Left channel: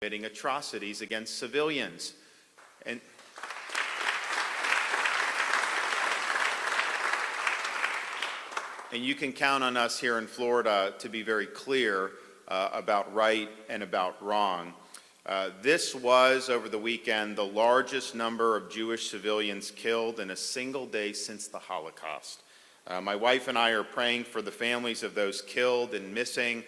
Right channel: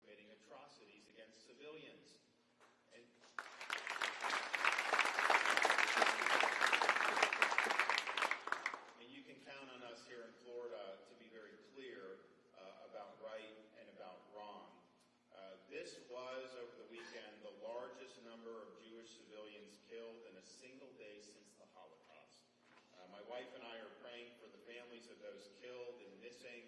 committing atrocities against civilians. And you can count on us here in Florida to be very clear about right and about wrong. This was, over the weekend, the largest number of Jewish civilians killed in a single day since the Holocaust. My wife and I are praying for the families of those killed and missing,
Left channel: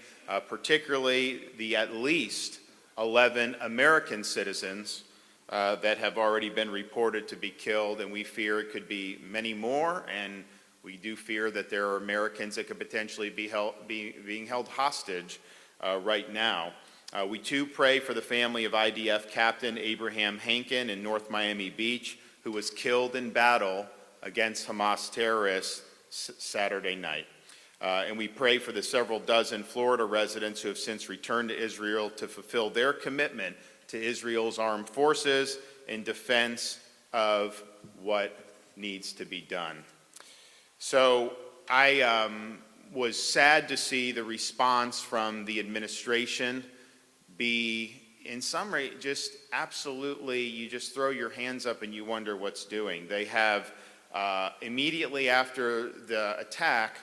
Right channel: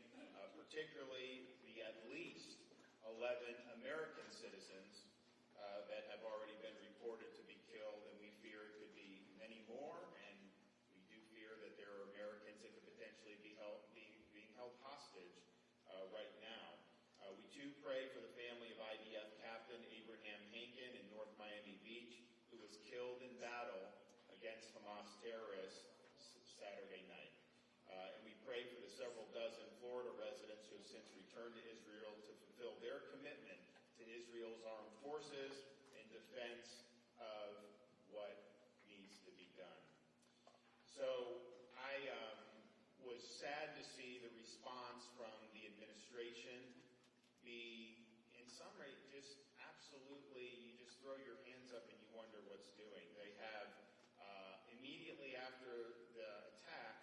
particularly the at least 11 American citizens that have already been reported to be killed, and we fear it could be many more, and we do fear that there are Americans that could potentially be being held hostage right now. We too pray for the family of IDF Captain Abraham Hankin in North Miami Beach, who was killed in battle against Hamas terrorists Saturday night. And we pray for the several dozen Florida residents who have since returned to Israel to fulfill their commitment to Israel's armed forces in defense of what needs to be done. So I was sad to see the response from the administration be, in summary, just absolutely, you just throw your hands up and you wonder what's doing. They have, immediately after the attack,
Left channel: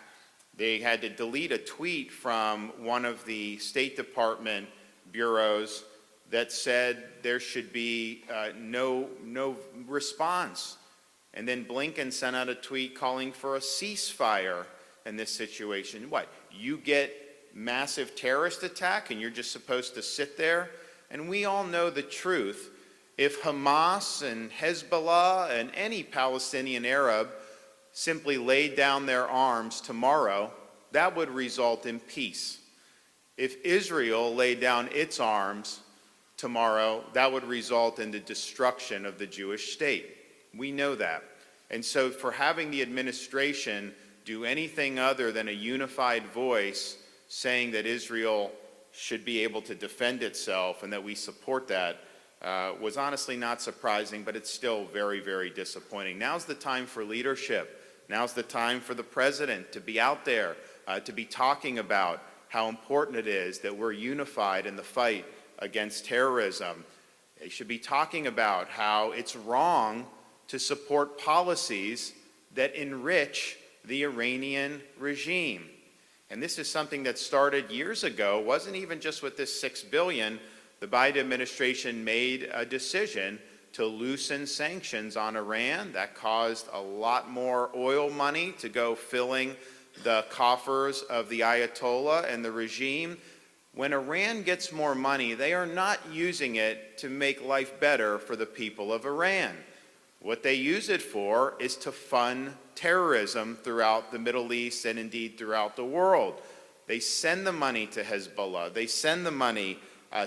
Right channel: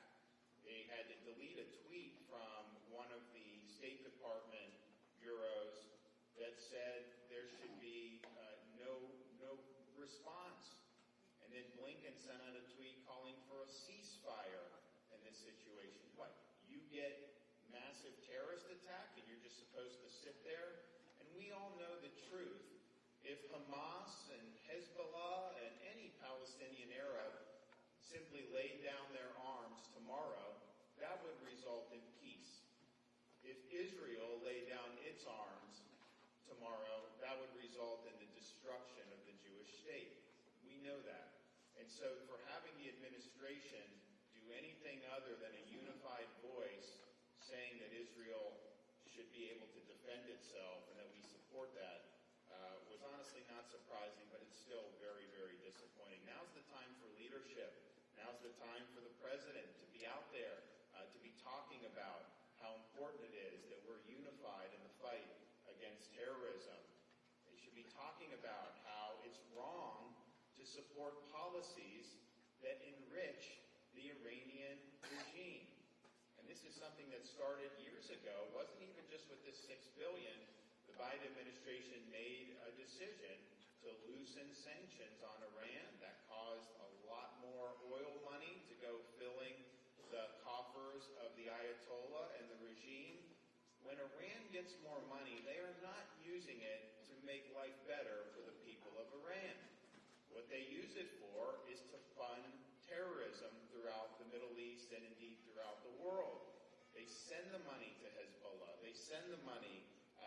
they had to delete a tweet from one of the State Department bureaus that said there should be no response. And then Blinken sent out a tweet calling for a ceasefire in this situation. What, you get massive terrorist attack and you're just supposed to sit there? And we all know the truth. If Hamas and Hezbollah and any Palestinian Arab simply laid down their arms tomorrow, that would result in peace. If Israel laid down its arms tomorrow, that would result in the destruction of the Jewish state. We know that. And so for having the administration do anything other than a unified voice saying that Israel should be able to defend itself and that we support that was honestly not surprising, but it's still very, very disappointing. Now's the time for leadership. Now's the time for the president to be out there, to be talking about how important it is that we're unified in the fight against terrorism. They should be talking about how it's wrong to support policies that enrich the Iranian regime. And this is something that started years ago. It wasn't even just with this $6 billion. The Biden administration made a decision to loosen sanctions on Iran. That caused a lot more oil money to go filling the coffers of the Ayatollah and the regime. When Iran gets more money, they are not using it to make life better for the people of Iran. What they use it for is to fund terrorism throughout the Middle East and indeed throughout the world. They send the money to Hezbollah. They send the money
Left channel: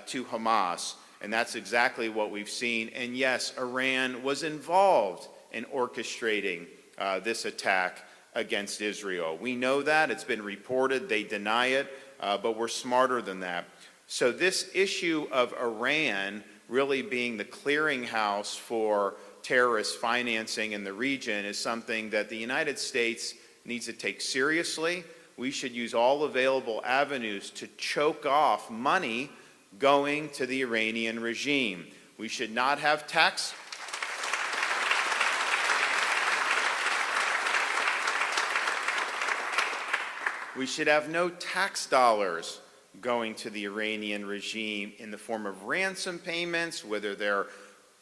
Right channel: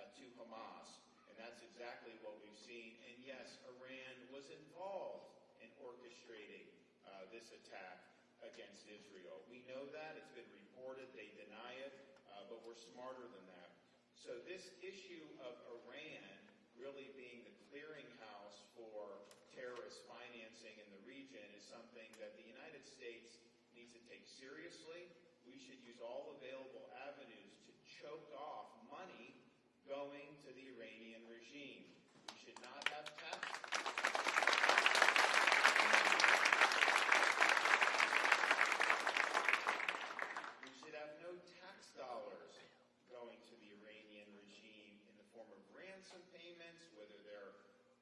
to Hamas. And that's exactly what we've seen. And yes, Iran was involved in orchestrating this attack against Israel. We know that. It's been reported. They deny it. But we're smarter than that. So this issue of Iran really being the clearinghouse for terrorist financing in the region is something that the United States needs to take seriously. We should use all available avenues to choke off money going to the Iranian regime. We should not have tax. We should have no tax dollars going to the Iranian regime in the form of ransom payments, whether they're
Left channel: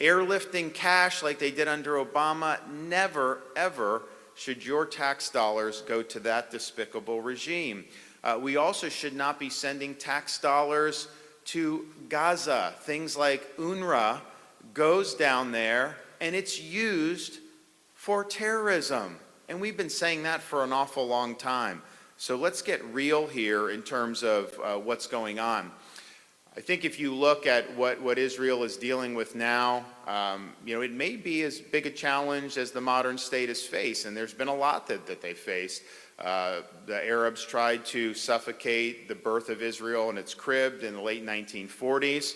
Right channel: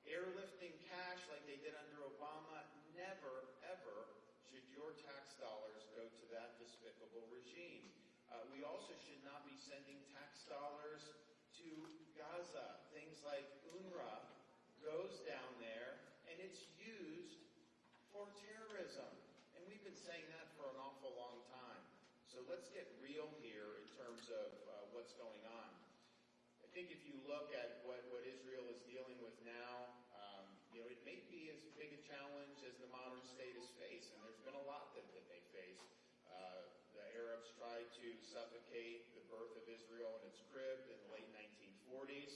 airlifting cash like they did under Obama. Never, ever should your tax dollars go to that despicable regime. We also should not be sending tax dollars to Gaza. Things like UNRWA goes down there and it's used for terrorism. And we've been saying that for an awful long time. So let's get real here in terms of what's going on. I think if you look at what Israel is dealing with now, it may be as big a challenge as the modern state has faced, and there's been a lot that they faced. The Arabs tried to suffocate the birth of Israel in its crib in the late 1940s.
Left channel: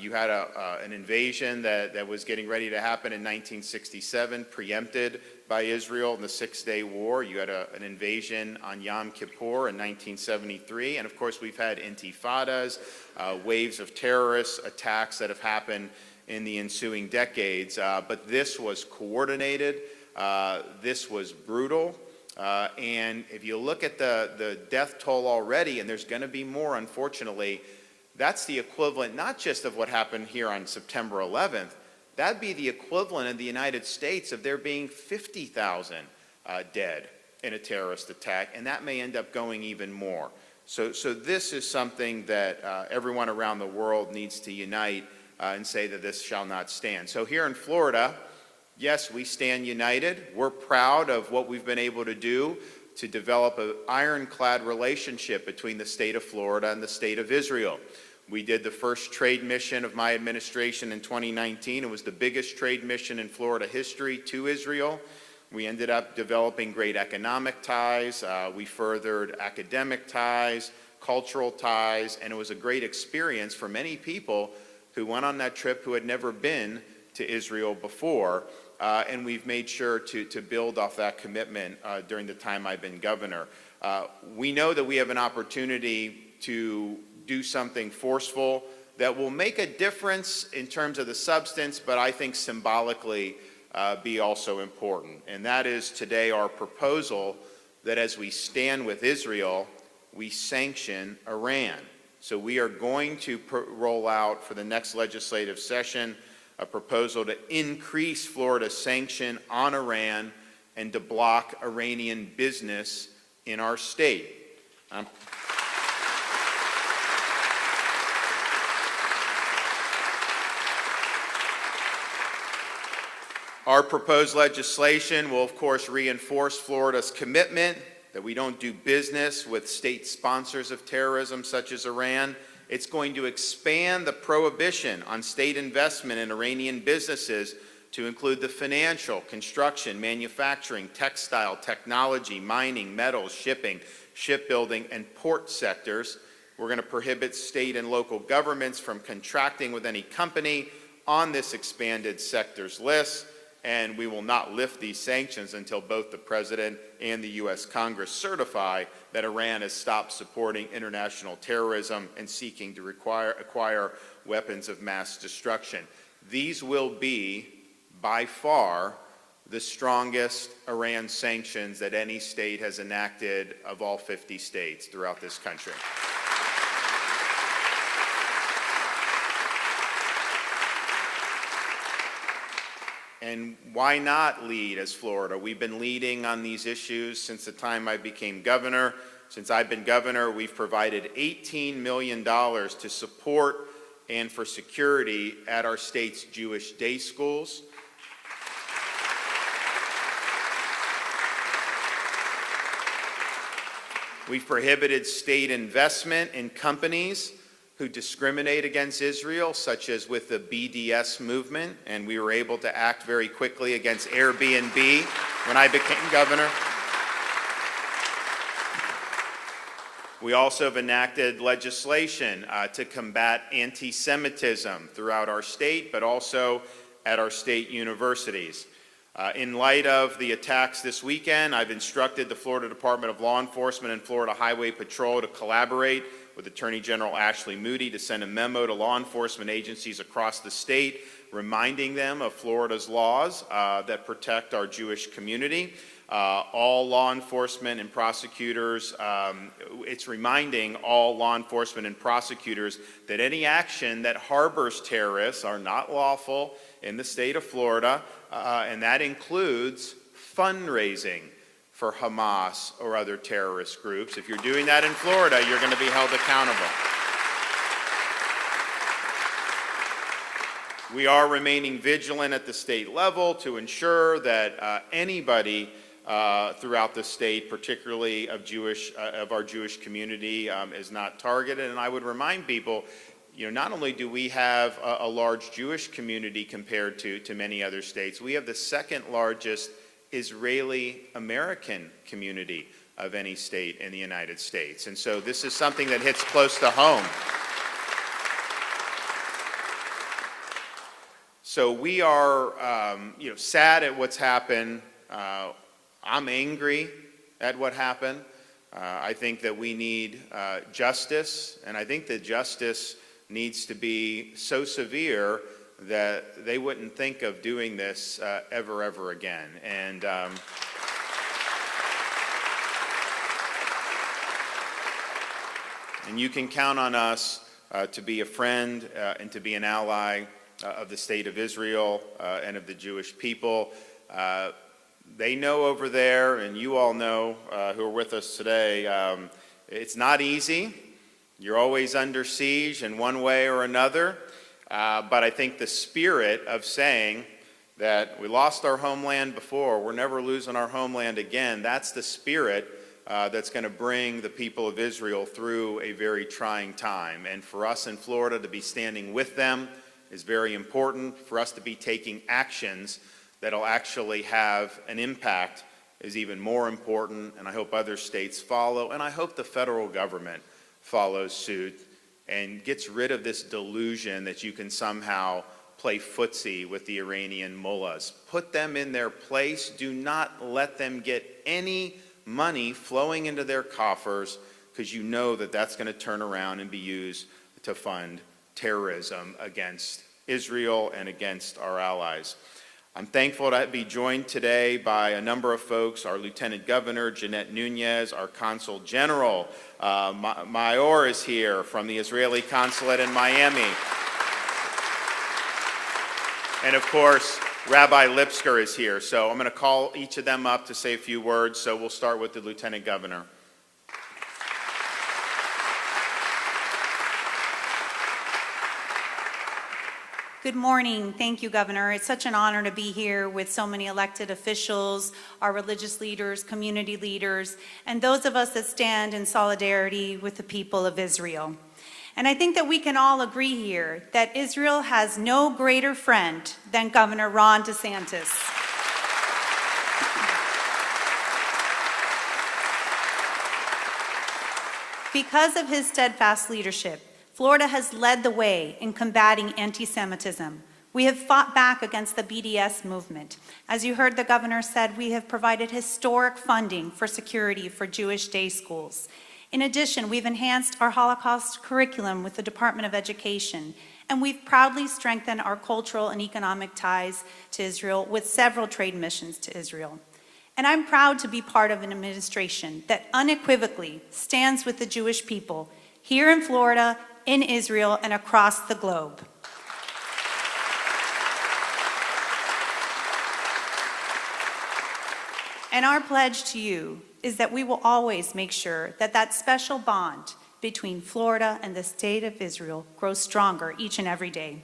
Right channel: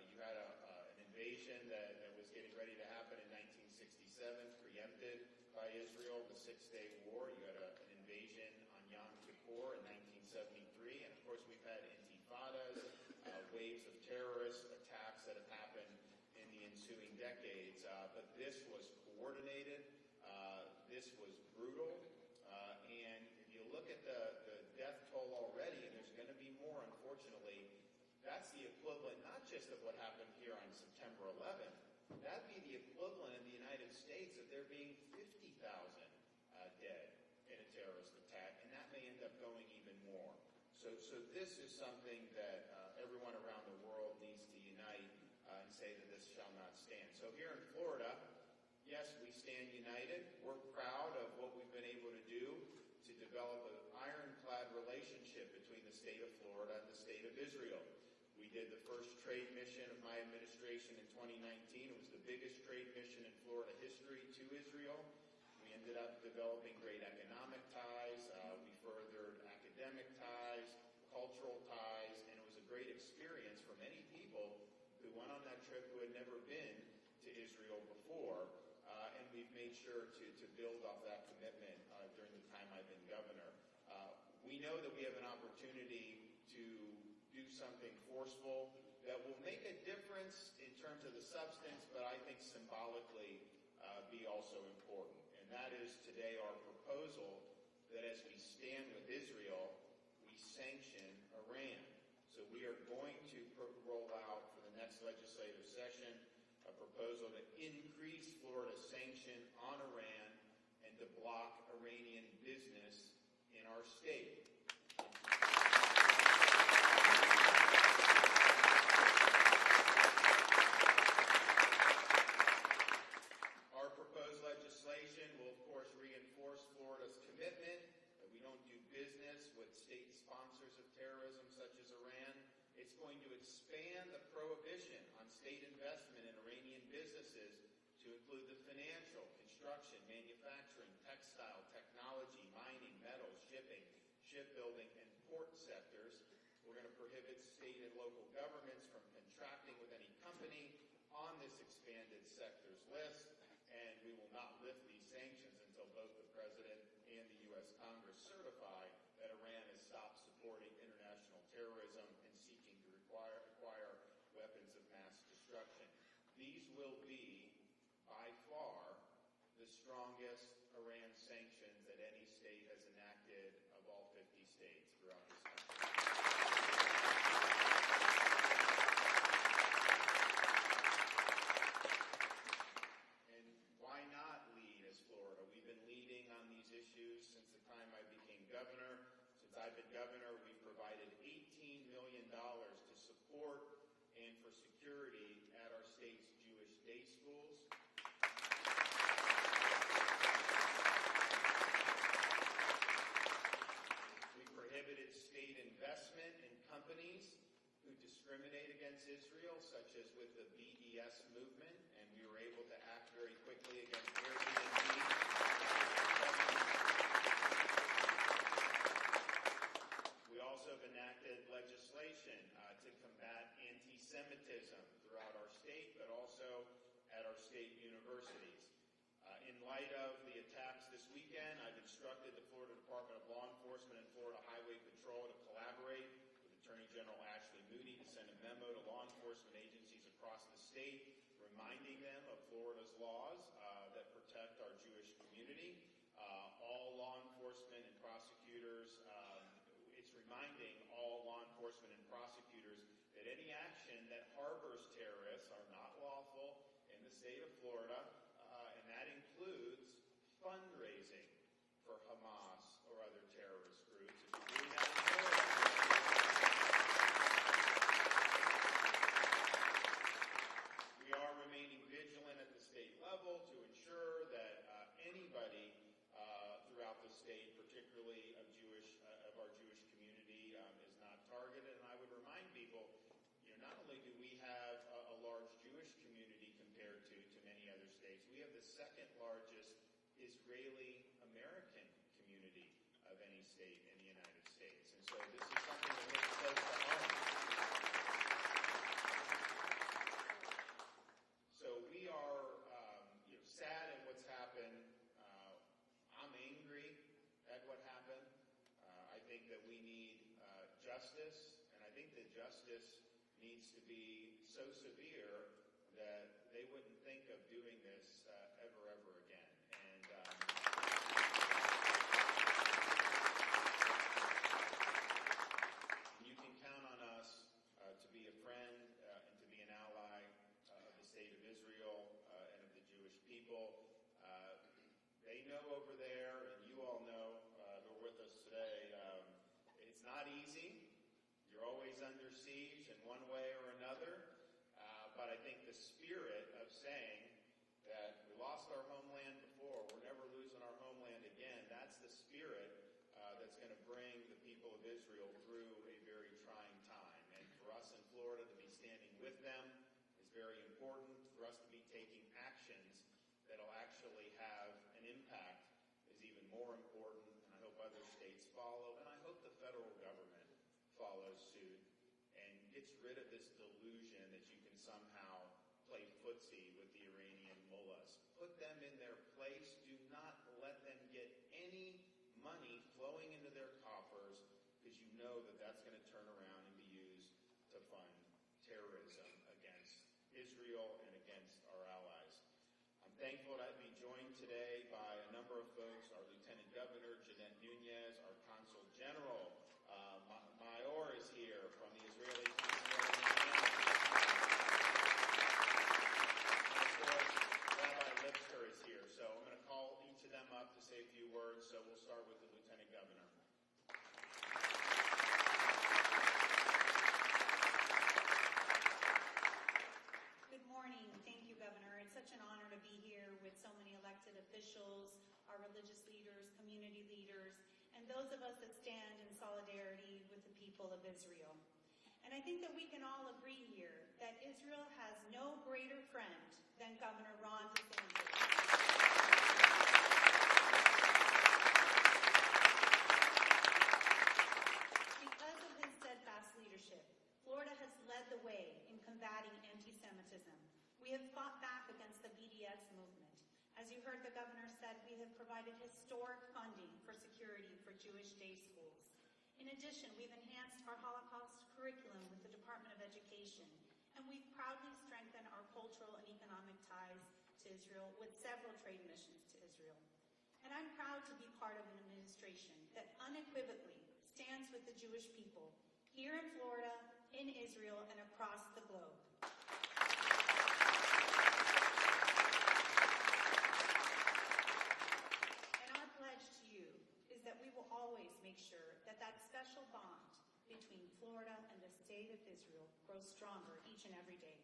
You had an invasion that was getting ready to happen in 1967, preempted by Israel in the Six-Day War. You had an invasion on Yom Kippur in 1973. And of course, we've had intifadas, waves of terrorist attacks that have happened in the ensuing decades. But this was coordinated. This was brutal. And if you look at the death toll already, and there's going to be more, unfortunately, that's the equivalent not just of what happened here on September 11th, that'd be the equivalent in the United States of there being 50,000 dead in a terrorist attack, and that may end up going even more. So this is something that everyone around the world needs to unite and say that this shall not stand. So here in Florida, yes, we stand united. We're proud of what we've been able to do to develop an ironclad relationship between the state of Florida and the state of Israel. We did the first trade mission of my administration in 2019. It was the biggest trade mission in Florida history to Israel. We ended up developing great economic ties. We furthered academic ties, cultural ties, and it was a great experience for many people who went on that trip who had never been to Israel before. And we've made sure to build off that commitment during the time I've been governor. We know that we have an opportunity to do something forceful that will make a difference in terms of the substance, but I think symbolically be also important. And that is today our proposal that as we stand with Israel, we sanction Iran. So we are going to roll out for the next legislative session a proposal to increase Florida's sanction on Iran and to block Iranian business in our state. Our proposed legislation will, of course, reinforce Florida's commitment that we don't do business with state sponsors of terrorism such as Iran. It's going to expand the prohibition on state investment in Iranian businesses to include the financial, construction, manufacturing, textile, technology, mining, metals, shipping, shipbuilding, and port sectors. We're going to prohibit state and local governments from contracting with any company on this expanded sectors list. And we will not lift these sanctions until both the President and the U.S. Congress certify that Iran has stopped supporting international terrorism and seeking to acquire weapons of mass destruction. These will be, by far, the strongest Iran sanctions that any state has enacted of all 50 states throughout this country. And why not lead as Florida? We've been leading on these issues since the time I became governor. Since I've been governor, we've provided $18 million to support and for security at our state's Jewish day schools. We've prohibited state investment in companies who discriminate against Israel, such as with the BDS movement, and we were able to act very quickly against Airbnb when I became governor. We also have enacted legislation to combat anti-Semitism throughout our state, but also at our state universities. In light of the attacks this weekend, I've instructed the Florida Department of Law Enforcement and Florida Highway Patrol to collaborate with Attorney General Ashley Moody to send a memo to law enforcement agencies across the state, reminding them of Florida's laws that protect our Jewish community. All law enforcement and prosecutors, it's reminding all law enforcement and prosecutors that any action that harbors terrorists are not lawful in the state of Florida, and that includes fundraising for Hamas or other terrorist groups. If you're doing that in Florida, you're going to be held accountable. We are remaining vigilant at the state level to ensure that anybody throughout the state, particularly of our Jewish community, is not targeted. And I would remind people, not only do we have a large Jewish community compared to many other states, we have the second largest Israeli-American community of any state in the United States. And so this is something that hits close to home. So we are sad at what's happened I'm angry at what happened. I think that we need justice, and I think that justice needs to be so severe that they wouldn't think of doing this ever again. And you can count on us to be a friend and to be an ally of the state of Israel and of the Jewish people. They know over there, and you all know who are with us today, it's not easy. You're always under siege in one way or another. But I think the spirit of saying that we lost our homeland before, we're never losing our homeland again, that's the spirit that's going to bring the people of Israel through a very trying time. And for us in Florida to be standing with them is very important. For us to be taking actions that'll actually have an impact is even more important. And I hope other states follow. And I hope the federal government follows suit and gets rid of this delusion that you can somehow play footsie with the Iranian mullahs. Put them in their place. Do not let them get any money flowing into their coffers, because you know that that's going to turn around and be used to fund terrorism against Israel and against our allies. I'm thankful to be joined today by a number of folks, our Lieutenant Governor, Jeanette Nunez, our Consul General, Mayor is here from the Israeli Consulate in Miami. And of course, Rabbi Lipsker is here. So I'm going to call each of them up to say a few words. So we'll start with the Lieutenant Governor. Good morning. Thank you, Governor. It's such an honor to be here with so many elected officials, our religious leaders, community leaders, and those of us that stand in solidarity with the people of Israel. And I think that we can all agree here that Israel has no greater friend than Governor Ron DeSantis. Because of his steadfast leadership, Florida has led the way in combating anti-Semitism. We have fought back against the BDS movement. As you heard the governor said, we have provided historic funding for security for Jewish day schools. In addition, we've enhanced our Holocaust curriculum with the Department of Education, and we've proudly strengthened our cultural and economic ties to Israel with several trade missions to Israel. And I'm proud to be part of an administration that unequivocally stands with the Jewish people here in Florida, in Israel, and across the globe. And our pledge to you is that we will always make sure that that special bond between Florida and the state of Israel grows stronger each and every day.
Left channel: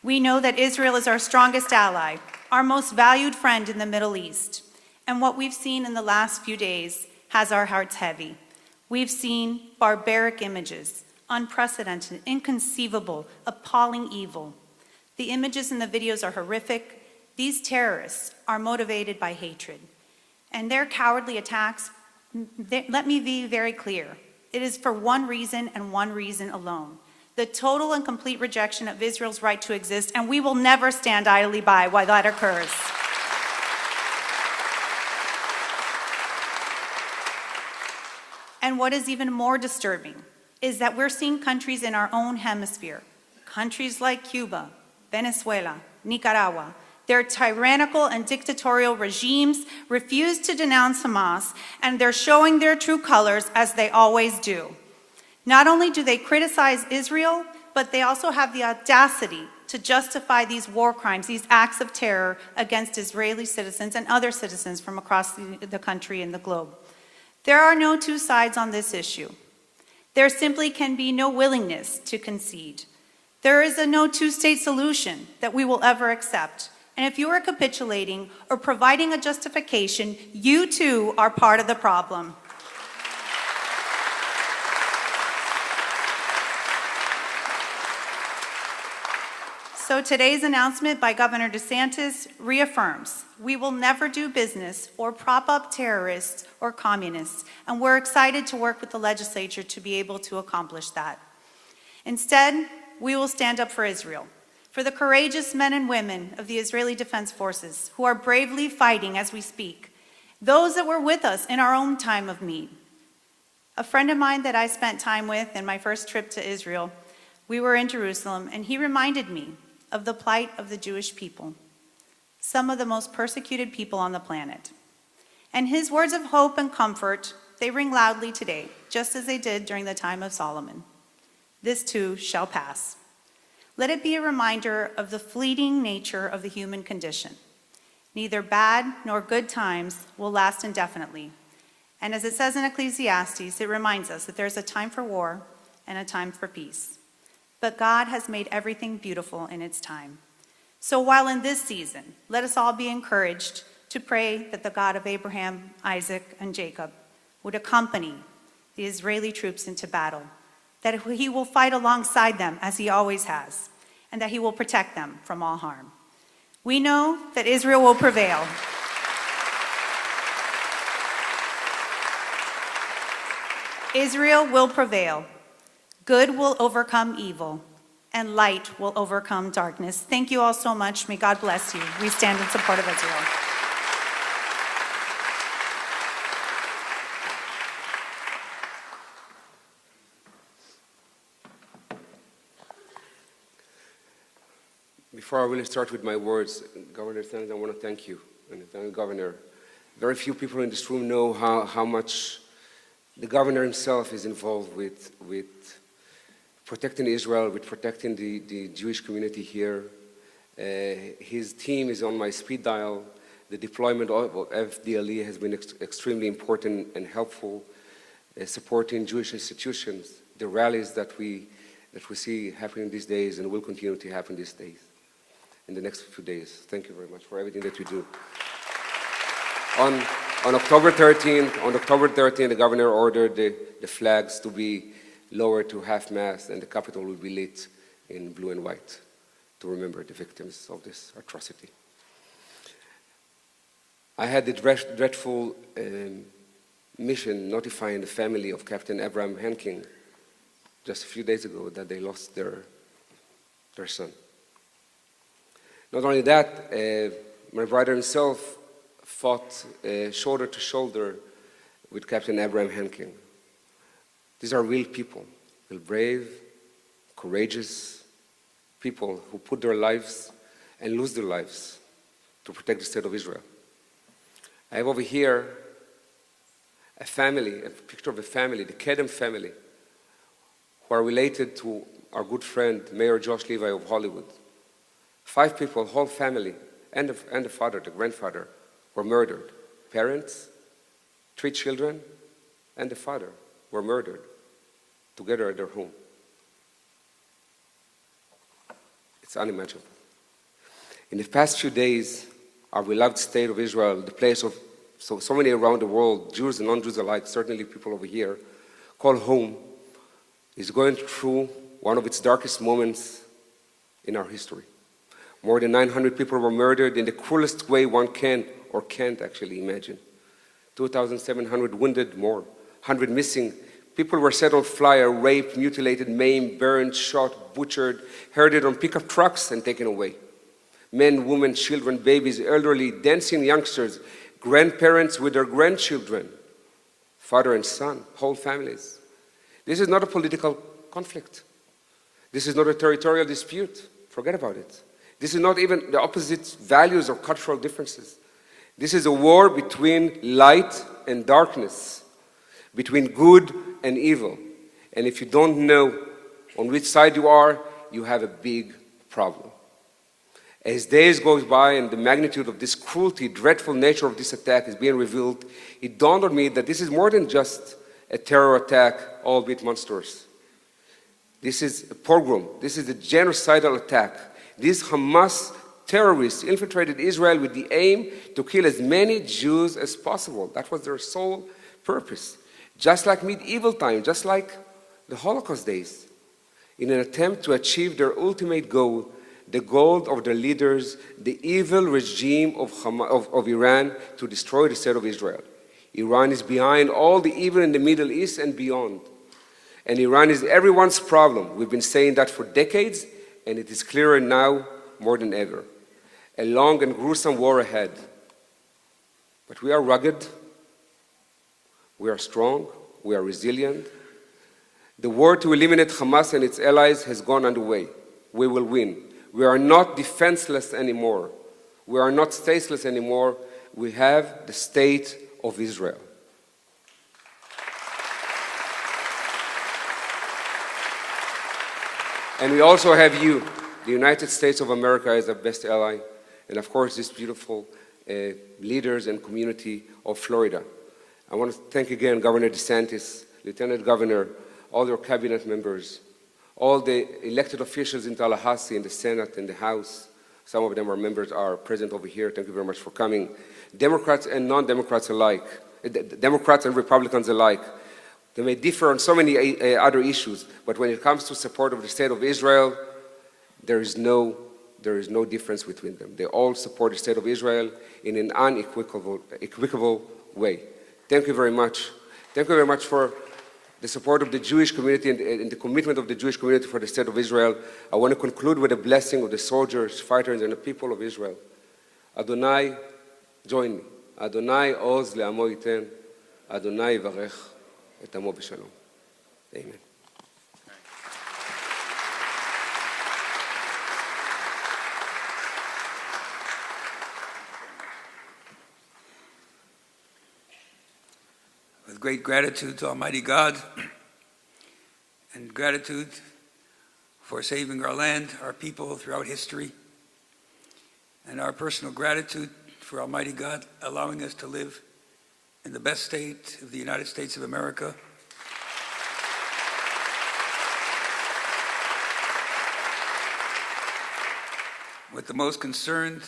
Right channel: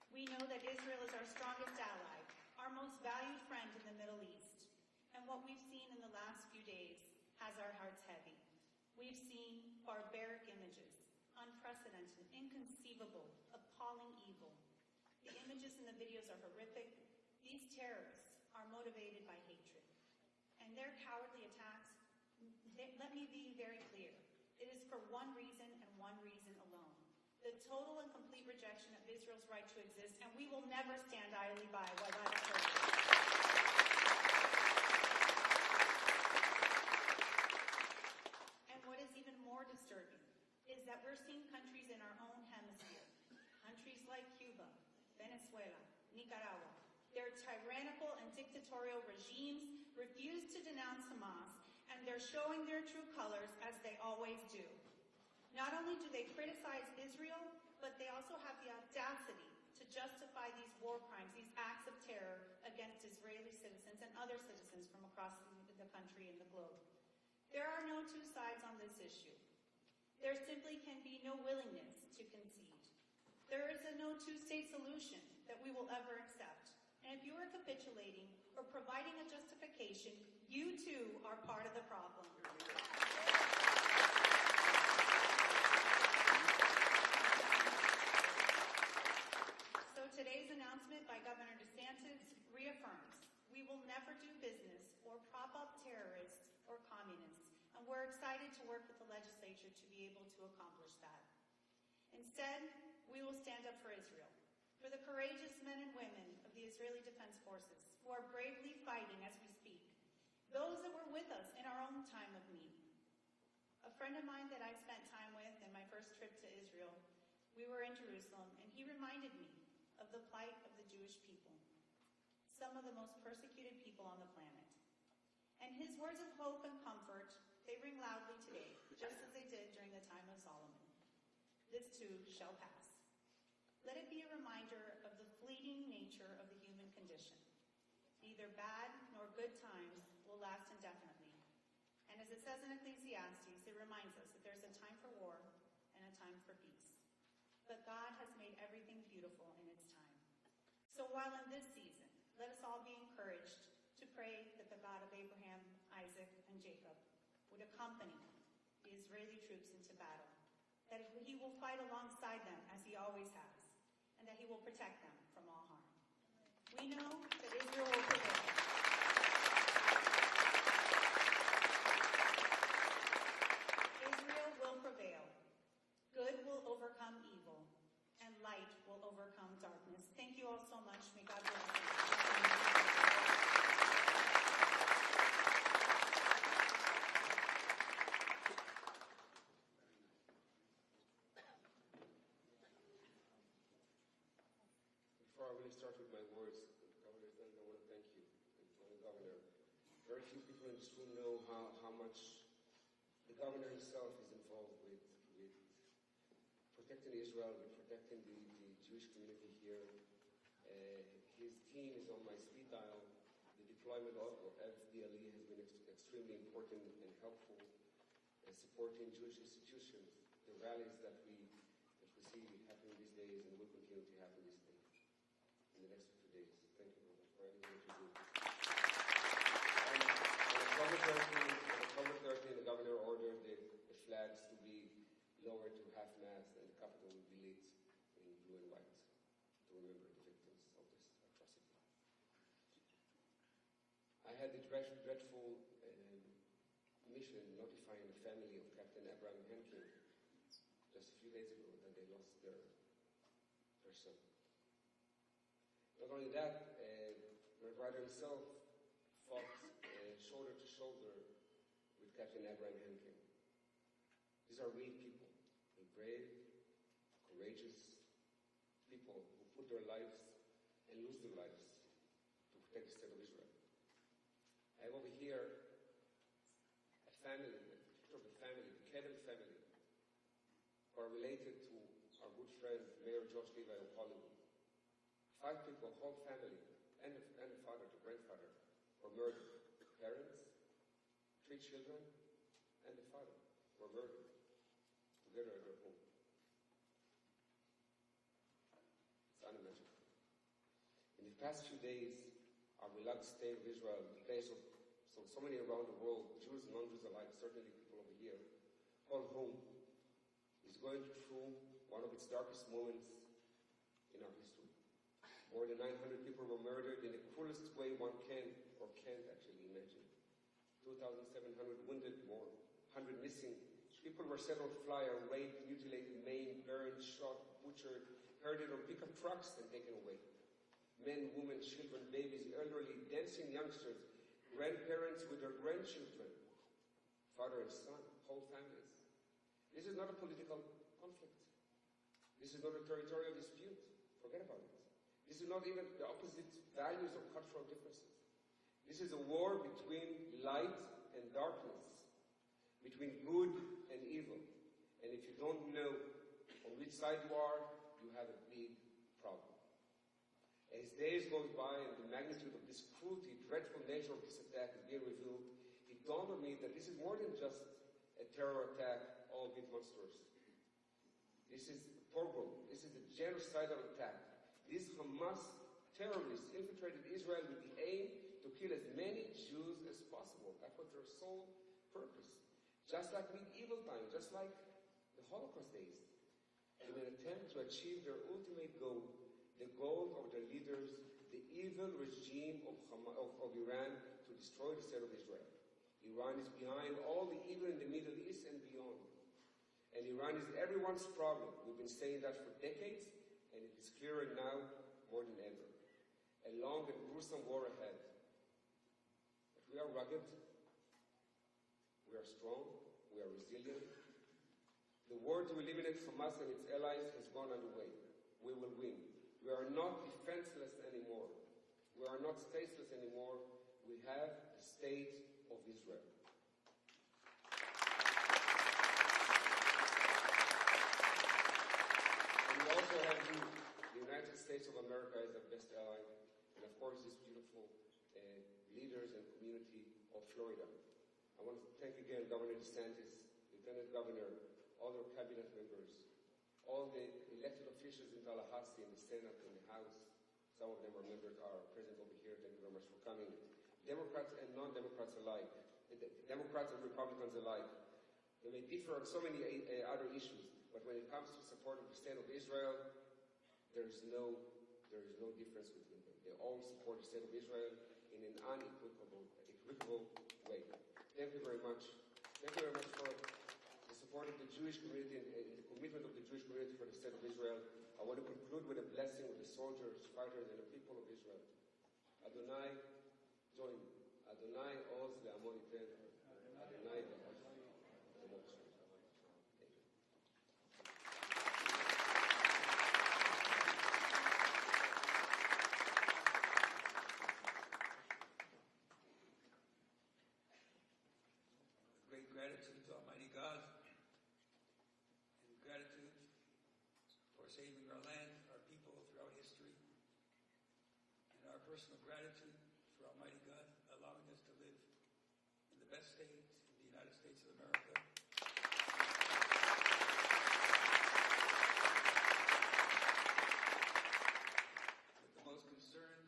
We know that Israel is our strongest ally, our most valued friend in the Middle East. And what we've seen in the last few days has our hearts heavy. We've seen barbaric images, unprecedented, inconceivable, appalling evil. The images and the videos are horrific. These terrorists are motivated by hatred. And their cowardly attacks, let me be very clear, it is for one reason and one reason alone: the total and complete rejection of Israel's right to exist, and we will never stand idly by while that occurs. And what is even more disturbing is that we're seeing countries in our own hemisphere, countries like Cuba, Venezuela, Nicaragua, their tyrannical and dictatorial regimes refuse to denounce Hamas, and they're showing their true colors as they always do. Not only do they criticize Israel, but they also have the audacity to justify these war crimes, these acts of terror against Israeli citizens and other citizens from across the country and the globe. There are no two sides on this issue. There simply can be no willingness to concede. There is a no two-state solution that we will ever accept. And if you are capitulating or providing a justification, you too are part of the problem. So today's announcement by Governor DeSantis reaffirms we will never do business or prop up terrorists or communists, and we're excited to work with the legislature to be able to accomplish that. Instead, we will stand up for Israel, for the courageous men and women of the Israeli Defense Forces who are bravely fighting as we speak, those that were with us in our own time of need. A friend of mine that I spent time with in my first trip to Israel, we were in Jerusalem, and he reminded me of the plight of the Jewish people, some of the most persecuted people on the planet. And his words of hope and comfort, they ring loudly today, just as they did during the time of Solomon. This too shall pass. Let it be a reminder of the fleeting nature of the human condition. Neither bad nor good times will last indefinitely. And as it says in Ecclesiastes, it reminds us that there's a time for war and a time for peace. But God has made everything beautiful in its time. So while in this season, let us all be encouraged to pray that the God of Abraham, Isaac, and Jacob would accompany the Israeli troops into battle, that he will fight alongside them as he always has, and that he will protect them from all harm. We know that Israel will prevail. Israel will prevail. Good will overcome evil, and light will overcome darkness. Thank you all so much. May God bless you. We stand in support of Israel. Before I really start with my words, Governor DeSantis, I want to thank you and thank the Governor. Very few people in this room know how much the Governor himself is involved with protecting Israel, with protecting the Jewish community here. His team is on my speed dial. The deployment of FDLE has been extremely important and helpful, supporting Jewish institutions, the rallies that we see happening these days and will continue to happen these days, in the next few days. Thank you very much for everything that you do. On October 13th, the Governor ordered the flags to be lowered to half-mast, and the Capitol will be lit in blue and white to remember the victims of this atrocity. I had the dreadful mission notifying the family of Captain Abraham Henking just a few days ago that they lost their son. Not only that, my brother himself fought shoulder to shoulder with Captain Abraham Henking. These are real people, real brave, courageous people who put their lives and lose their lives to protect the state of Israel. I have over here a picture of a family, the Kedem family, who are related to our good friend, Mayor Josh Levi of Hollywood. 5 people, whole family, and the father, the grandfather, were murdered. Parents, 3 children, and the father were murdered together at their home. It's unimaginable. In the past few days, our beloved state of Israel, the place of so many around the world, Jews and non-Jews alike, certainly people over here, call home, is going through one of its darkest moments in our history. More than 900 people were murdered in the cruelest way one can or can't actually imagine. 2,700 wounded, more, 100 missing. People were set on fire, raped, mutilated, maimed, burned, shot, butchered, herded on pickup trucks and taken away. Men, women, children, babies, elderly, dancing youngsters, grandparents with their grandchildren, father and son, whole families. This is not a political conflict. This is not a territorial dispute. Forget about it. This is not even the opposite values or cultural differences. This is a war between light and darkness, between good and evil. And if you don't know on which side you are, you have a big problem. As days go by and the magnitude of this cruelty, dreadful nature of this attack is being revealed, it dawned on me that this is more than just a terror attack, albeit monstrous. This is a pogrom. This is a genocidal attack. These Hamas terrorists infiltrated Israel with the aim to kill as many Jews as possible. That was their sole purpose. Just like medieval times, just like the Holocaust days, in an attempt to achieve their ultimate goal, the goal of their leaders, the evil regime of Iran to destroy the state of Israel. Iran is behind all the evil in the Middle East and beyond. And Iran is everyone's problem. We've been saying that for decades, and it is clearer now more than ever. A long and gruesome war ahead. But we are rugged, we are strong, we are resilient. The war to eliminate Hamas and its allies has gone underway. We will win. We are not defenseless anymore. We are not stateless anymore. We have the state of Israel. And we also have you, the United States of America, as our best ally, and of course, these beautiful leaders and community of Florida. I want to thank again Governor DeSantis, Lieutenant Governor, all your cabinet members, all the elected officials in Tallahassee, in the Senate, in the House. Some of them are present over here. Thank you very much for coming. Democrats and non-Democrats alike, Democrats and Republicans alike. They may differ on so many other issues, but when it comes to support of the state of Israel, there is no difference between them. They all support the state of Israel in an unequivocal way. Thank you very much. Thank you very much for the support of the Jewish community and the commitment of the Jewish community for the state of Israel. I want to conclude with a blessing of the soldiers, fighters, and the people of Israel. Adonai, join me. Adonai oz le'amo yiten. Adonai yivarech et amo b'shalom. Amen. With great gratitude to Almighty God and gratitude for saving our land, our people throughout history, and our personal gratitude for Almighty God allowing us to live in the best state of the United States of America. With the most concerned,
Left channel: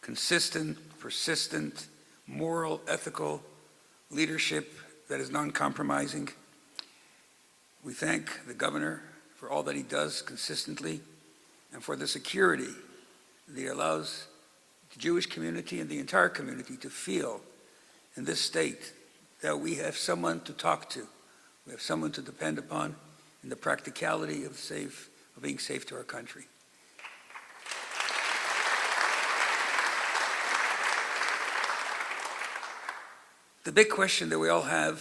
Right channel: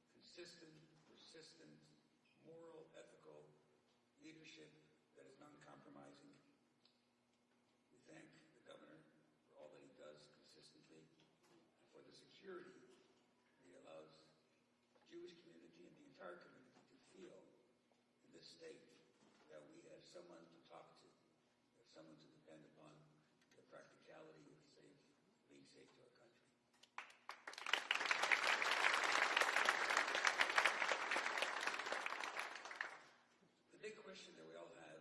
consistent, persistent, moral, ethical leadership that is non-compromising. We thank the governor for all that he does consistently and for the security that he allows the Jewish community and the entire community to feel in this state that we have someone to talk to, we have someone to depend upon in the practicality of being safe to our country. The big question that we all have,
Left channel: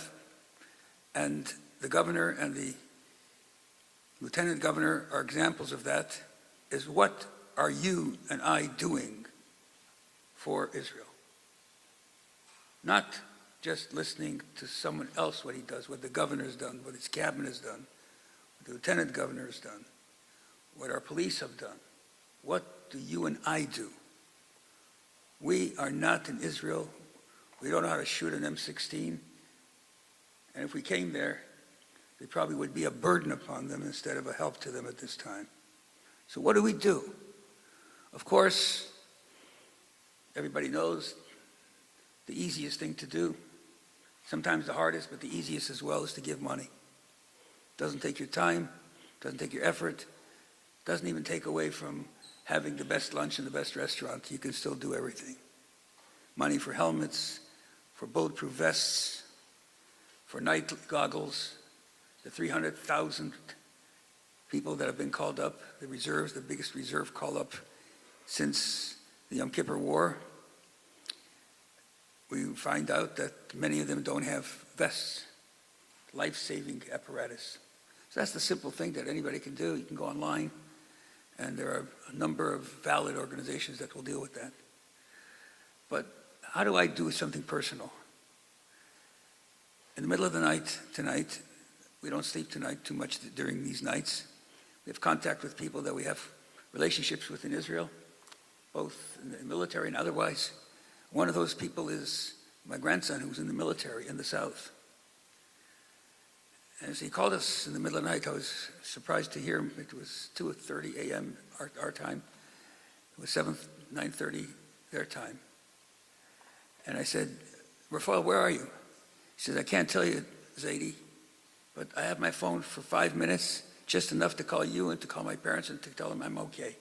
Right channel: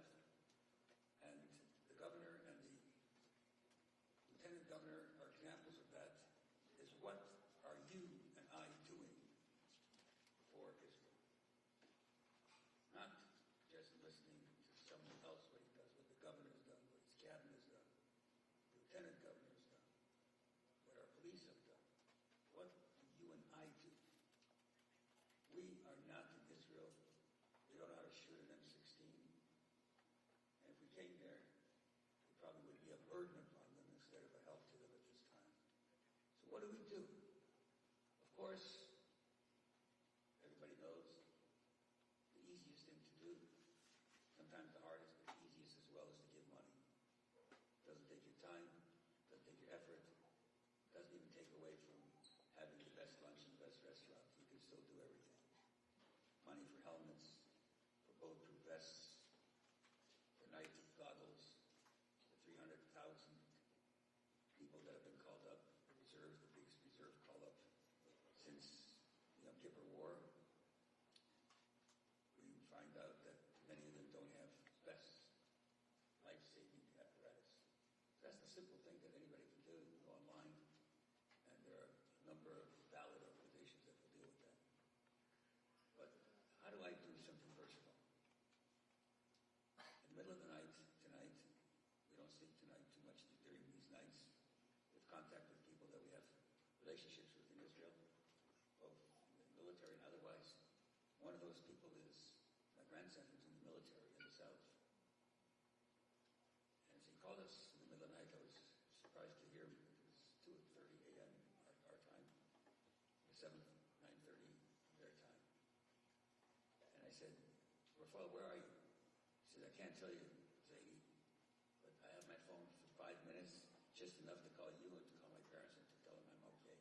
and the governor and the lieutenant governor are examples of that, is what are you and I doing for Israel? Not just listening to someone else what he does, what the governor's done, what his cabinet has done, what the lieutenant governor has done, what our police have done. What do you and I do? We are not in Israel. We don't know how to shoot an M16. And if we came there, it probably would be a burden upon them instead of a help to them at this time. So what do we do? Of course, everybody knows the easiest thing to do, sometimes the hardest, but the easiest as well, is to give money. Doesn't take your time, doesn't take your effort, doesn't even take away from having the best lunch in the best restaurant. You can still do everything. Money for helmets, for bulletproof vests, for night goggles, the 300,000 people that have been called up, the reserves, the biggest reserve call-up since the Yom Kippur War. We find out that many of them don't have vests, life-saving apparatus. So that's the simple thing that anybody can do. You can go online, and there are a number of valid organizations that will deal with that. But how do I do something personal? In the middle of the night tonight, we don't sleep tonight too much during these nights. We have contact with people that we have relationships with in Israel, both in the military and otherwise. One of those people is my grandson, who's in the military in the South. And as he called us in the middle of the night, I was surprised to hear him. It was 2:30 a.m. our time. It was 9:30 their time. And I said, "Rafael, where are you?" He says, "I can't tell you, Zaidi, but I have my phone for 5 minutes, just enough to call you and to call my parents and to tell them I'm okay."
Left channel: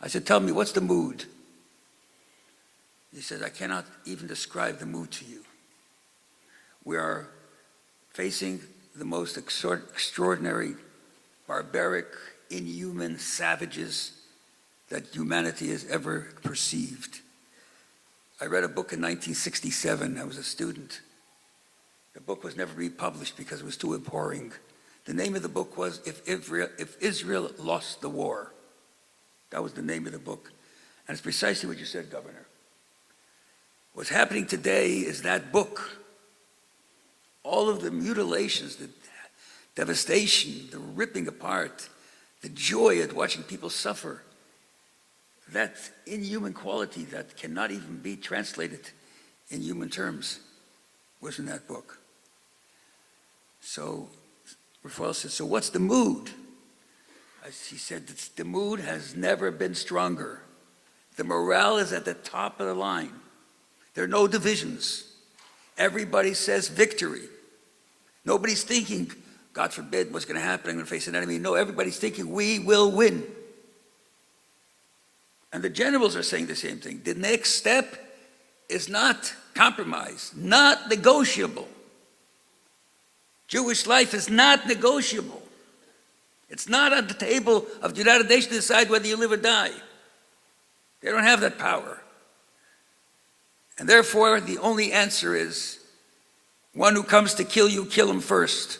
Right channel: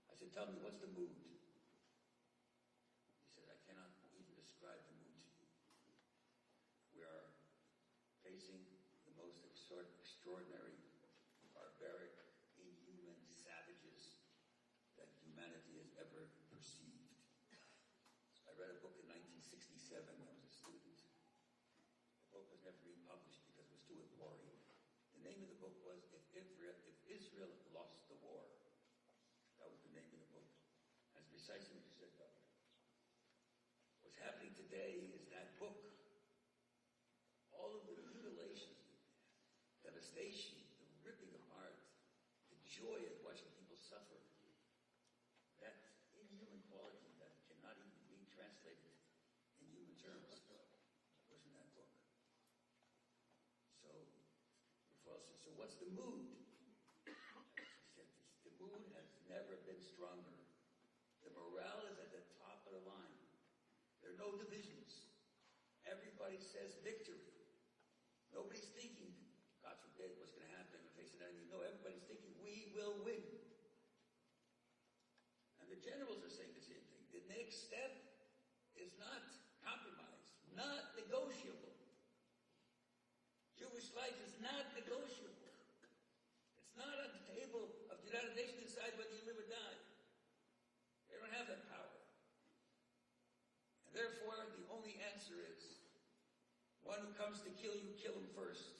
I said, "Tell me, what's the mood?" He says, "I cannot even describe the mood to you. We are facing the most extraordinary, barbaric, inhuman savages that humanity has ever perceived. I read a book in 1967. I was a student. The book was never republished because it was too abhorring. The name of the book was If Israel Lost the War. That was the name of the book. And it's precisely what you said, Governor. What's happening today is that book, all of the mutilations, the devastation, the ripping apart, the joy at watching people suffer, that inhuman quality that cannot even be translated in human terms was in that book. So Rafael said, so what's the mood? He said, the mood has never been stronger. The morale is at the top of the line. There are no divisions. Everybody says victory. Nobody's thinking, God forbid, what's going to happen, I'm going to face an enemy. No, everybody's thinking, we will win. And the generals are saying the same thing. The next step is not compromise, not negotiable. Jewish life is not negotiable. It's not on the table of the United Nations to decide whether you live or die. They don't have that power. And therefore, the only answer is, one who comes to kill you, kill him first.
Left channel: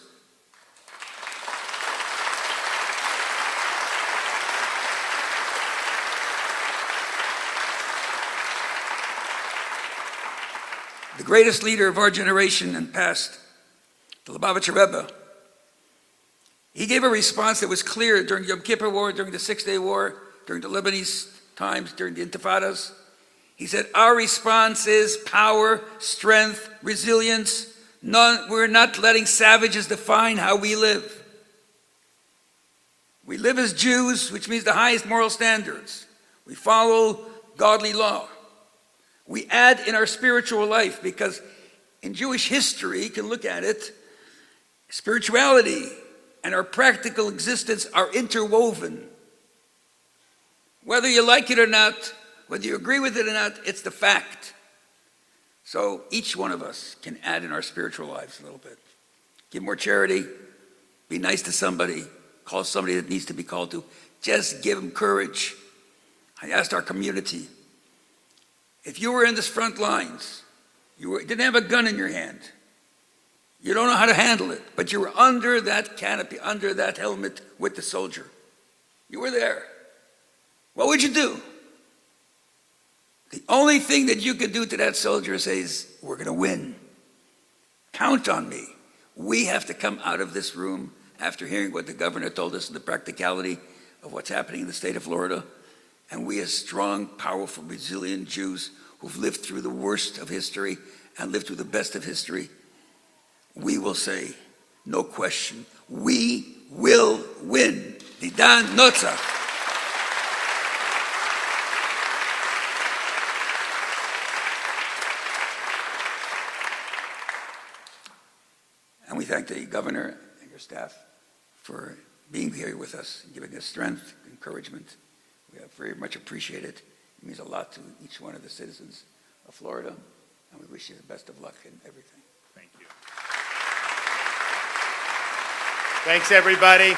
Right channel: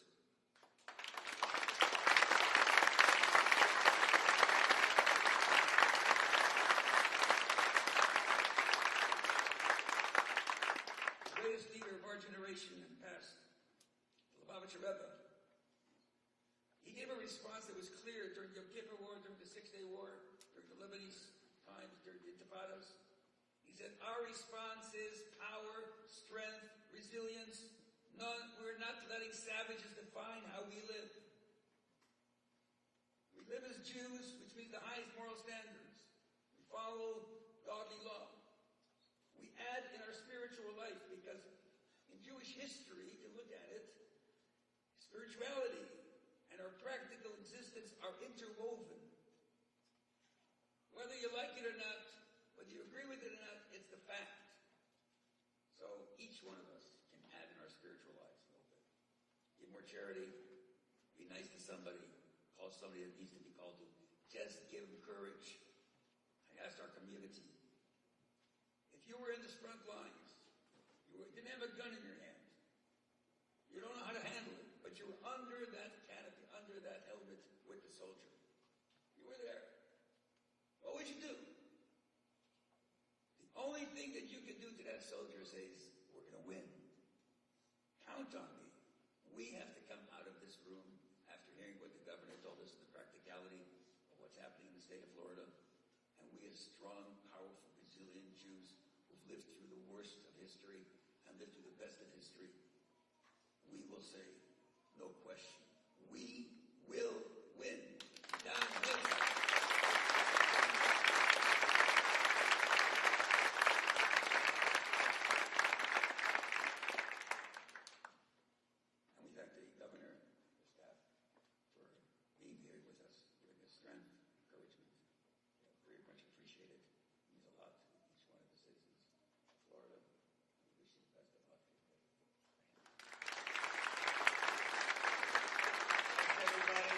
The greatest leader of our generation and past, the Lubavitcher Rebbe, he gave a response that was clear during the Yom Kippur War, during the Six-Day War, during the Lebanese times, during the Intifadas. He said, our response is power, strength, resilience. We're not letting savages define how we live. We live as Jews, which means the highest moral standards. We follow godly law. We add in our spiritual life, because in Jewish history, you can look at it, spirituality and our practical existence are interwoven. Whether you like it or not, whether you agree with it or not, it's the fact. So each one of us can add in our spiritual lives a little bit. Give more charity, be nice to somebody, call somebody that needs to be called to. Just give them courage. I asked our community, if you were in the front lines, you didn't have a gun in your hand, you don't know how to handle it, but you were under that canopy, under that helmet with the soldier. You were there. What would you do? The only thing that you could do to that soldier is say, we're going to win. Count on me. We have to come out of this room after hearing what the governor told us and the practicality of what's happening in the state of Florida. And we as strong, powerful, resilient Jews who've lived through the worst of history and lived through the best of history, we will say, no question, we will win. Nidan Notzach. And we thank the governor and your staff for being here with us and giving us strength, encouragement. We have very much appreciated it. It means a lot to each one of the citizens of Florida, and we wish you the best of luck in everything. Thank you. Thanks, everybody.